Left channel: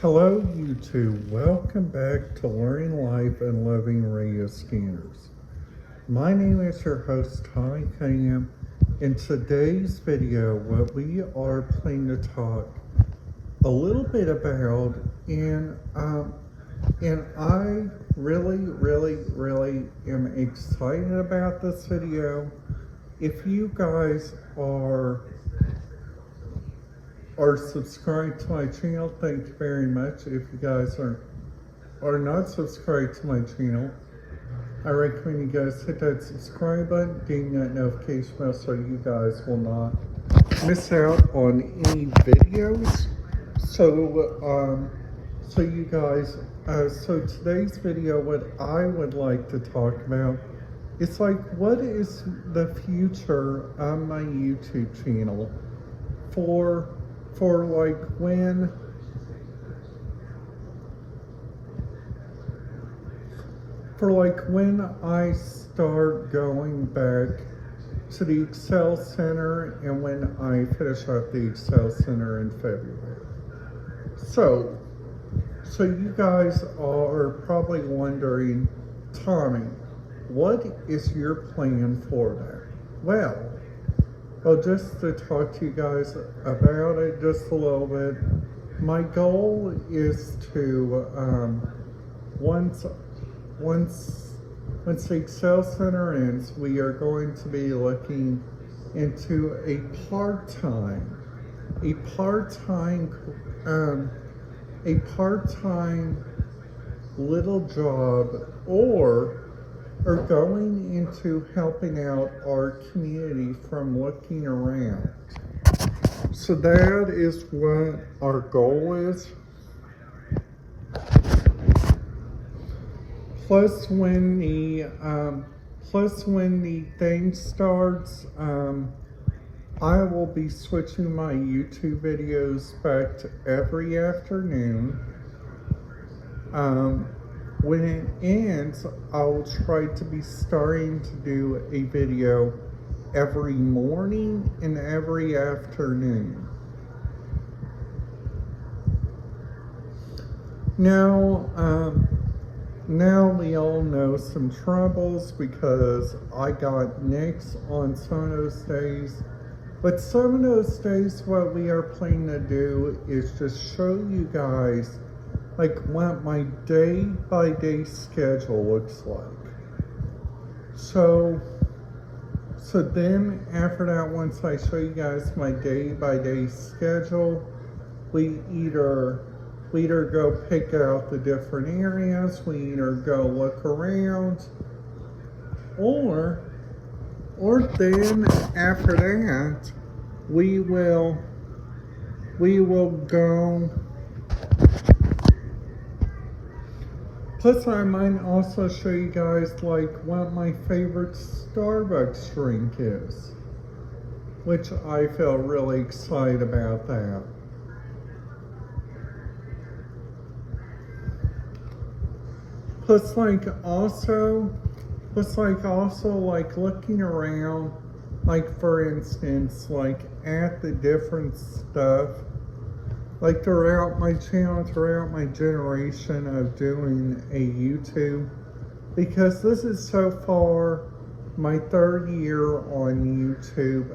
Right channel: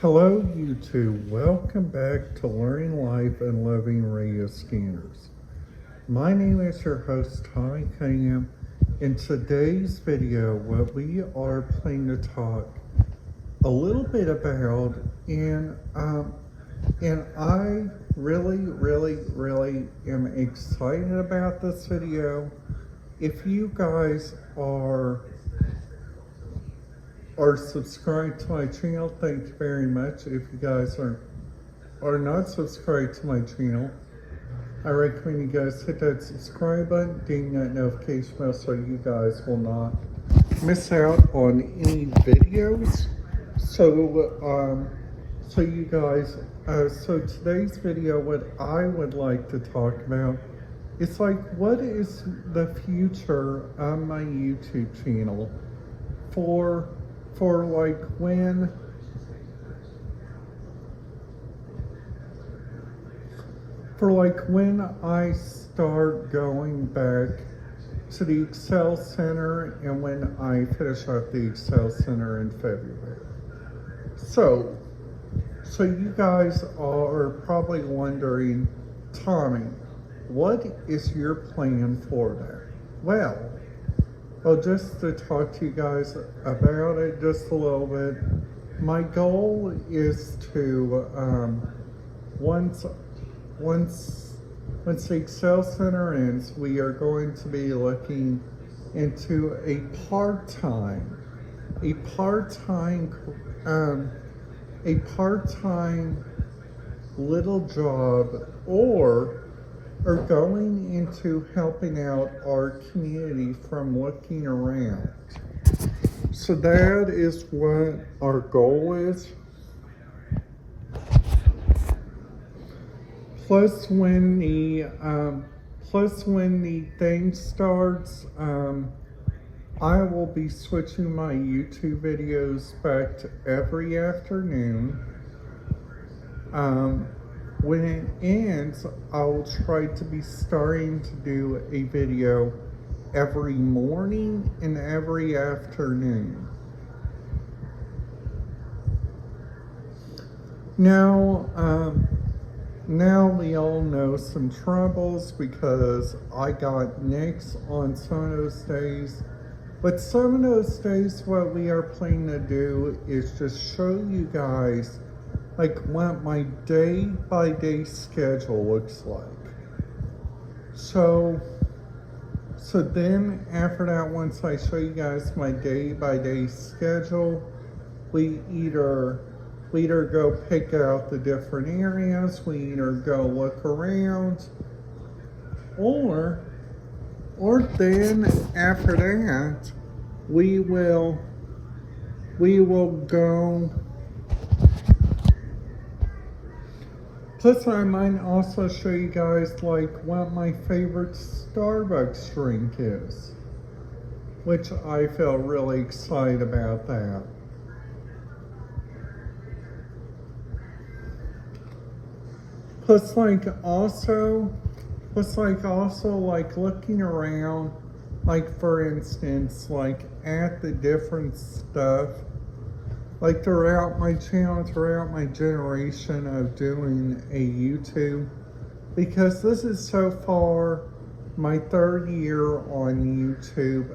Hello YouTube, welcome back to Learning Life and Loving Radio Scanners. My name is your host Tommy Cunningham. In today's video, what we are planning to talk a little bit about, and I really am excited about this video. If you guys are subscribed to my channel, thank you very much. If you guys are not subscribed to my channel, I recommend you guys hit that subscribe button, ding that notification bell so you guys will not miss out on any videos. So today's video, what I would like to talk about is what is the future on my YouTube channel for when I start going back to the Excel Center and when I finish up the Excel Center in February. So you guys are probably wondering, Tommy, what is your plan for that? Well, just to talk to you guys about it just a little bit, my goal is to, once the Excel Center ends, we are going to be looking into a part-time little job, or going into helping out our community from looking around. So that is what our goal is. Plus when the thing starts, I will be switching my YouTube videos back to every afternoon. When it ends, I'll try to be starting to do a video every morning and every afternoon. Now we all know some troubles because I got nicks on some of those days. But some of those days, what we are planning to do is just show you guys what my day-by-day schedule looks like. So then after that, once I show you guys my day-by-day schedule, we either go pick out the different areas, we either go look around, or then after that, we will go. Plus, I might also show you guys what my favorite Starbucks drink is, which I feel really excited about that. Plus, also looking around, for instance, at the different stuff, throughout my channel, throughout my generation of doing a YouTube, because this is so far my third year on YouTube.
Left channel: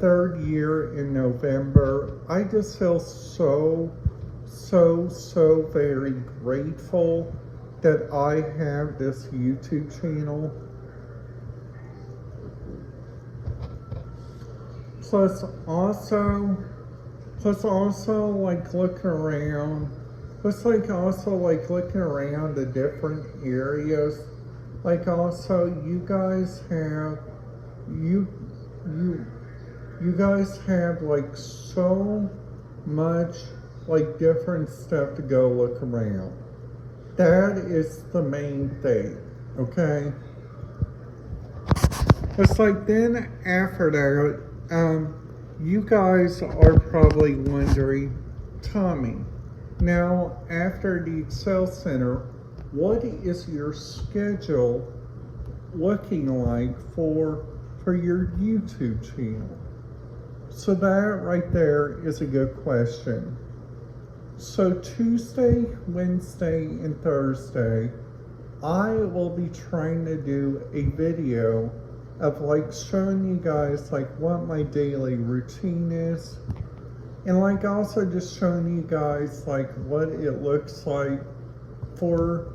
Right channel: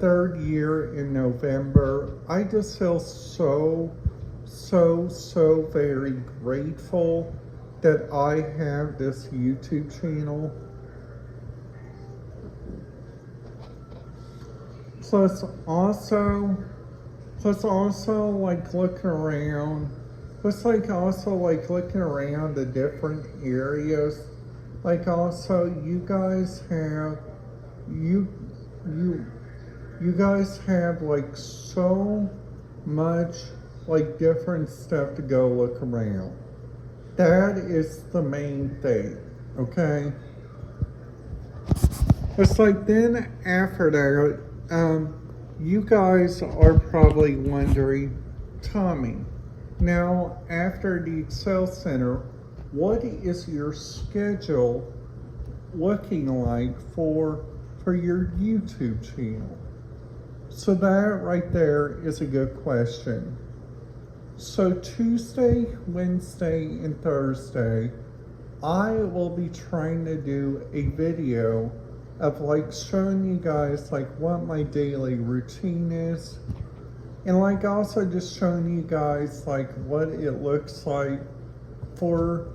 Third year in November. I just feel so very grateful that I have this YouTube channel. Plus also looking around. Looking around the different areas. You guys have so much different stuff to go look around. That is the main thing, okay? It's then after that, you guys are probably wondering, Tommy, now after the Excel Center, what is your schedule looking like for your YouTube channel? So that right there is a good question. So Tuesday, Wednesday, and Thursday, I will be trying to do a video of like showing you guys like what my daily routine is, and like also just showing you guys like what it looks like for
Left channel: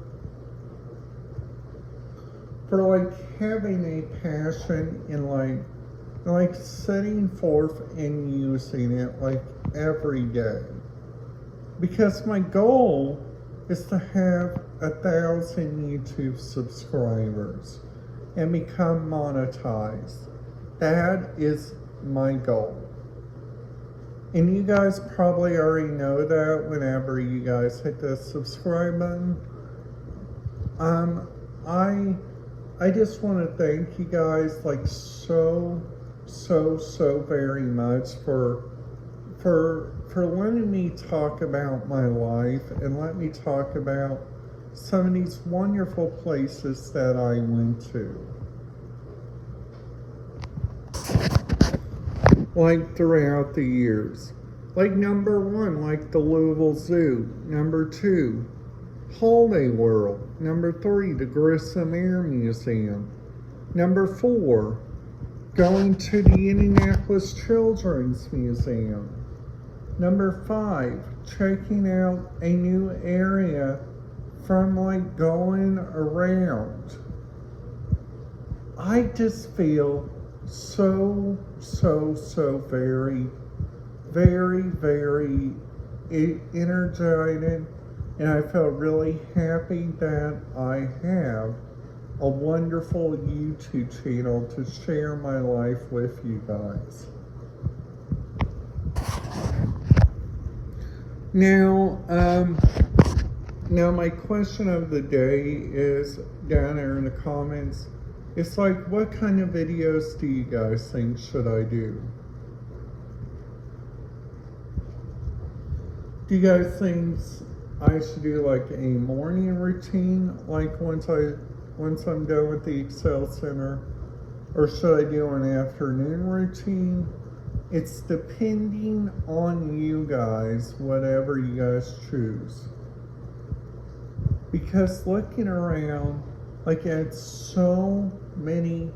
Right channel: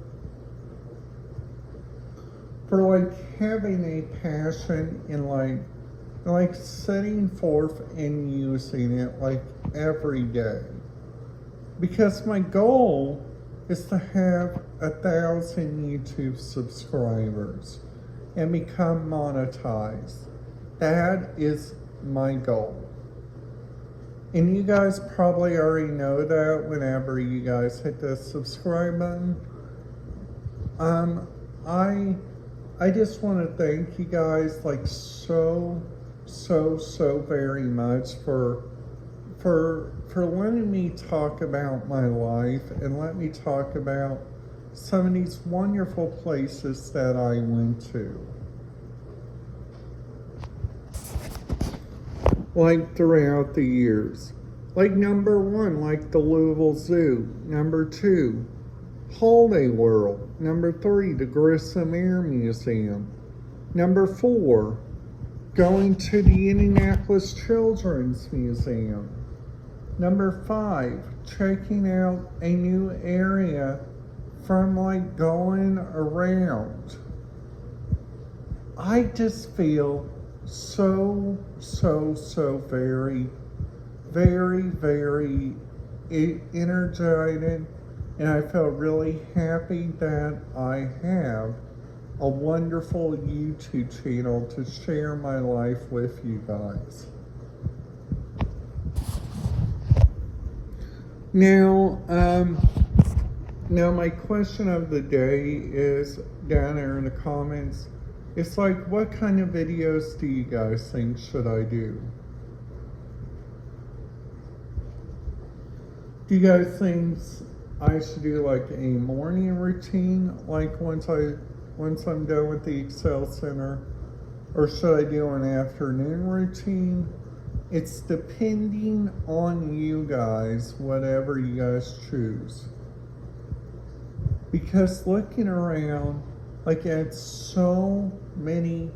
like having a passion and like setting forth and using it like every day. Because my goal is to have 1,000 YouTube subscribers and become monetized. That is my goal. And you guys probably already know that whenever you guys hit the subscribe button. I just want to thank you guys like so very much for letting me talk about my life and let me talk about some of these wonderful places that I went to. Like throughout the years. Like number 1, like the Louisville Zoo. Number 2, Holiday World. Number 3, the Grissom Air Museum. Number 4, going to the Indianapolis Children's Museum. Number 5, checking out a new area from like going around. I just feel so very energetic, and I feel really happy that I have a wonderful YouTube channel to share my life with you guys. Now my question of the day is down there in the comments. It's like, what kind of videos do you guys think should I do? Do you guys think I should do like a morning routine, like once I'm done with the Excel Center? Or should I do an afternoon routine? It's depending on you guys, whatever you guys choose. Because looking around, like at so many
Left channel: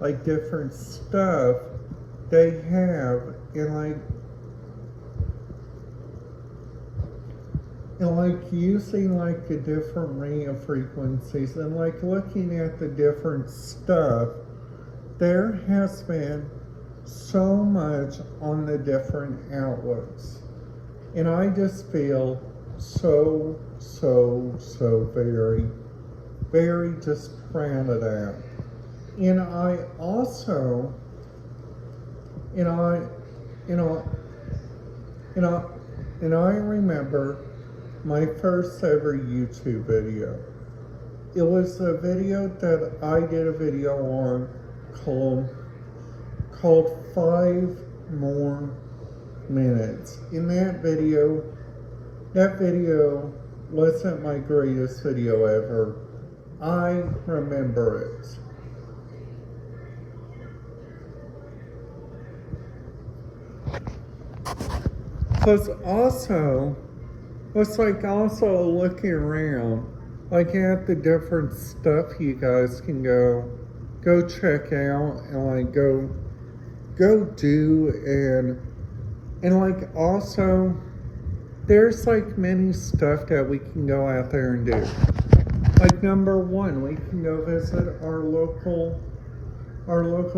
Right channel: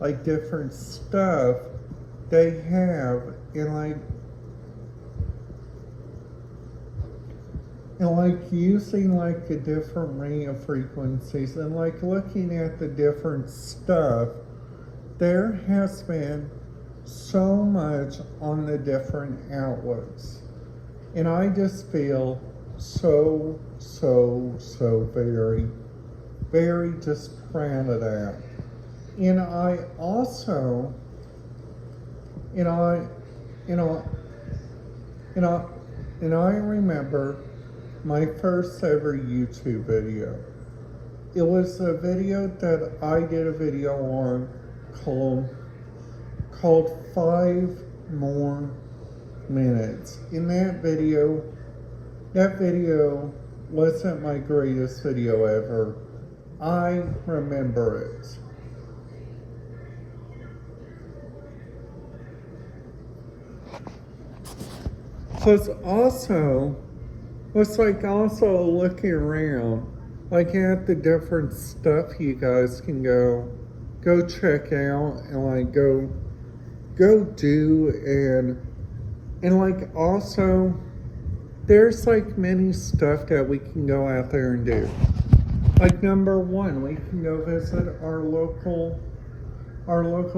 like different stuff they have, and like using like a different radio frequencies, and like looking at the different stuff, there has been so much on the different outlets, and I just feel so very just proud of that. And I also, and I remember my first ever YouTube video. It was a video that I did a video on called 5 More Minutes. In that video wasn't my greatest video ever. I remember it. Plus also, it's like also looking around, like at the different stuff you guys can go check out and like go do, and like also there's like many stuff that we can go out there and do. Like number 1, we can go visit our local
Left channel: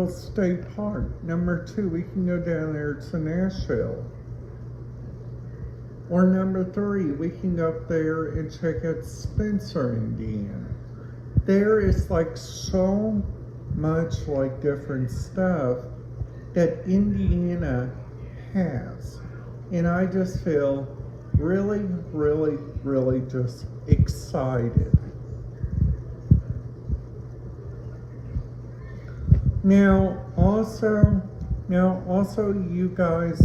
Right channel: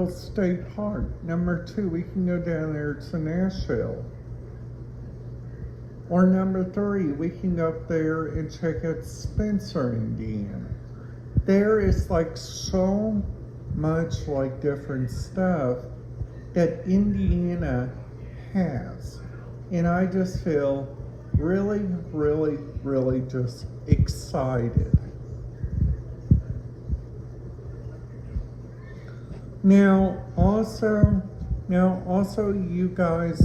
state park. Number 2, we can go down there to Nashville. Or number 3, we can go up there and check out Spencer, Indiana. There is like so much like different stuff that Indiana has. And I just feel really just excited. Now also you guys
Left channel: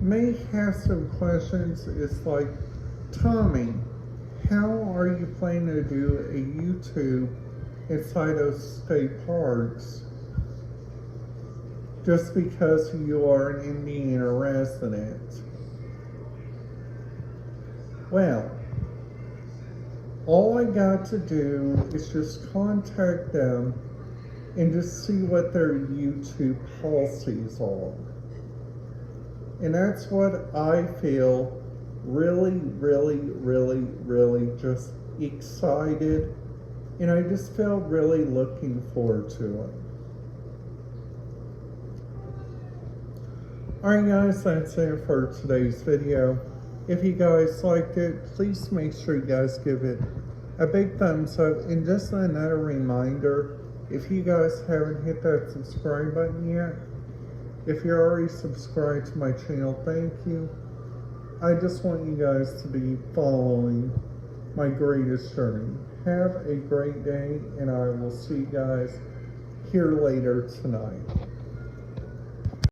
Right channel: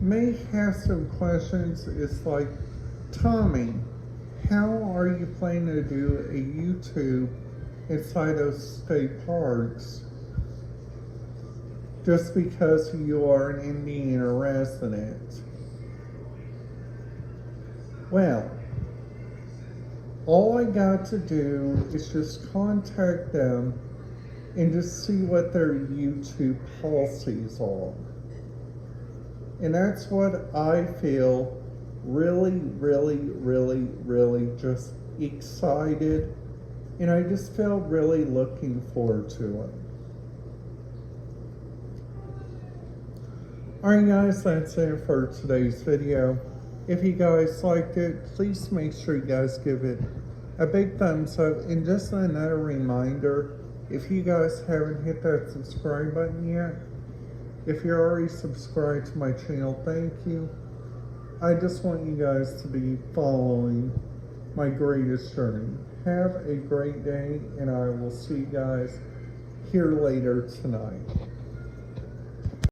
may have some questions. It's like, Tommy, how are you planning to do a YouTube inside of state parks just because you are an Indiana resident? Well, all I got to do is just contact them and just see what their YouTube policies are. And that's what I feel really just excited, and I just feel really looking forward to it. Alright guys, that's it for today's video. If you guys liked it, please make sure you guys give it a big thumbs up. And just another reminder, if you guys haven't hit that subscribe button yet, if you're already subscribed to my channel, thank you. I just want you guys to be following my greatest journey. Have a great day, and I will see you guys here later tonight.